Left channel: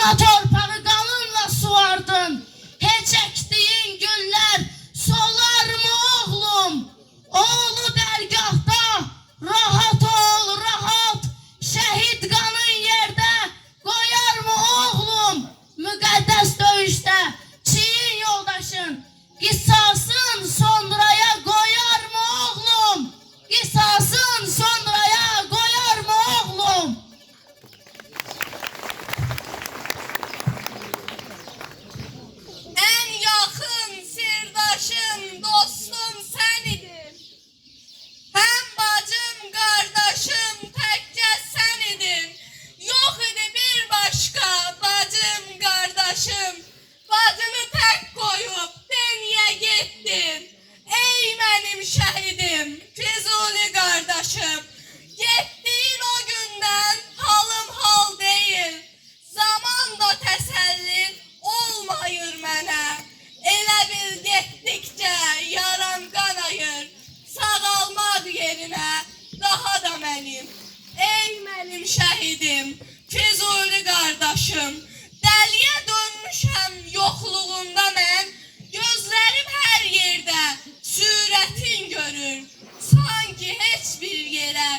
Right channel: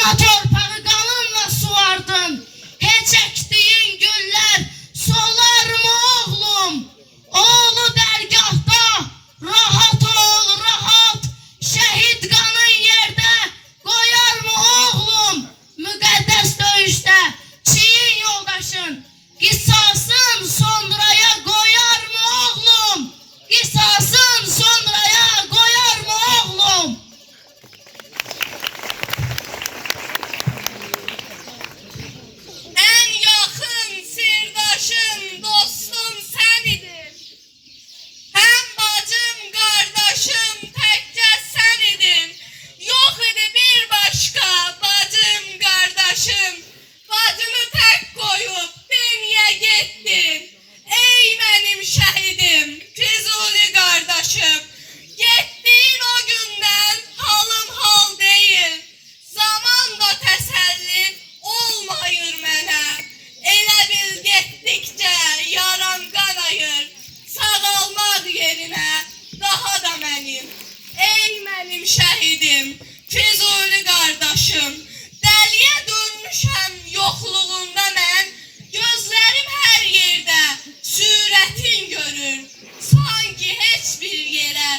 Ana torpağı qanınla suvardın. Heç əkdiyin güllər solar mı oğlum? Oğlu dərgahda rahat ol, rahat. Şəhid qanın yerdə qoyar mı oğlum? Müqəddəs döyüşdə çiyin yoldaşın qisasın sonraya qoyar mı oğlum? Qisasın sonraya qoyar mı oğlum? En yakın sirdaşım, dostum sen idin. Hem bacım, kardeşim, tekke sen idin. Yok idi bir başka bacım, kardeşim. Bacımı tek koyup dünya gittin. Ey benim şehidim, Füzuli kardeşim. Gittiğin o günden halım hal değil. Zaman da teselli olmayır mənə. Elə bil getdikcə yaram qanayır. Sağalmaq yerinə daha da mənim. Ey mənim şəhidim, Füzuli qardaşım. Dəliyə dönmüşəm yoxluğunda mən. Gözlərim hər yerdə surətin görür. Sanki heç bir yerə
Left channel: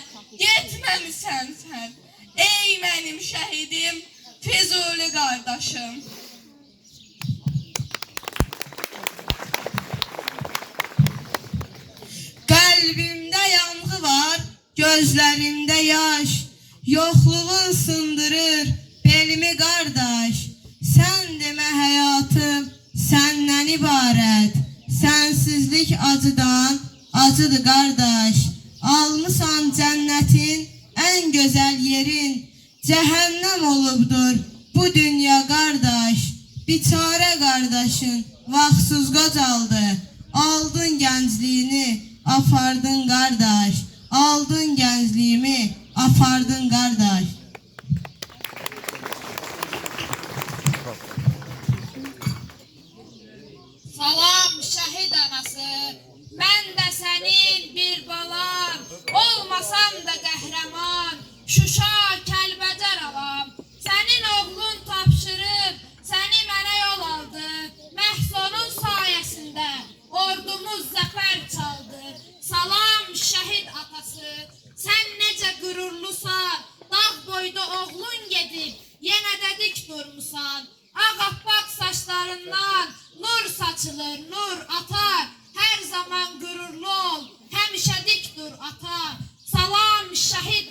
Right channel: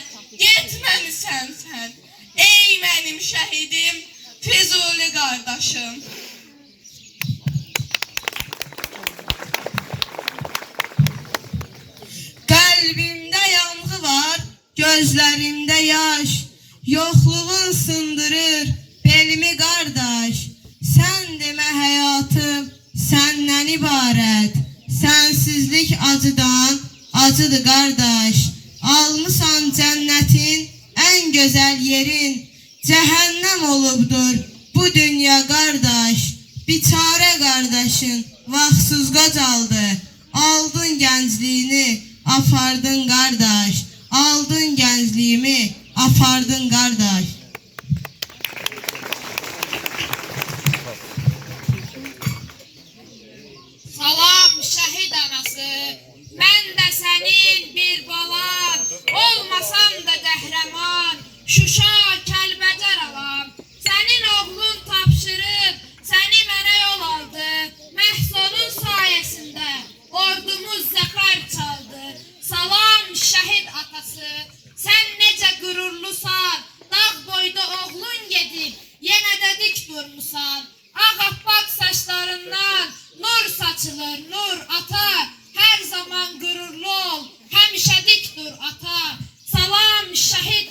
getməmisən sən. Ey mənim şəhidim, Füzuli qardaşım. Kalbimde yankı var, gözlerimde yaş. Yokluğun sındırır belimi kardeş. Sen deme hayatım senden ibaret. Sensizlik acıdan acıdı kardeş. Almışsan cennetin en güzel yerin. Cehennem olubdur bu dünya kardeş. Biçare kardeşin vaxtsız qocaldı. Aldın gəncliyini, apardın qardaş. Aldın gəncliyimi, apardın qardaş. Salam şəhid anası, mən də sənin bir balan, olmasam da qəhrəman, Şuşa, Kəlbəcər alam. Sənin oğlun tapşırıb, səni mənə yol aldı, məhz onun sayəsində ordumuz zəfər çaldı. Salam şəhid atası, sən necə qürurlusan, dağ boyda oğlun gedib, yenə də dik durmusan. Ağappaq saçlarından nur saçılır, nur ata, hər zaman qürurlu ol, həmişə dik dur ata. Salam şəhid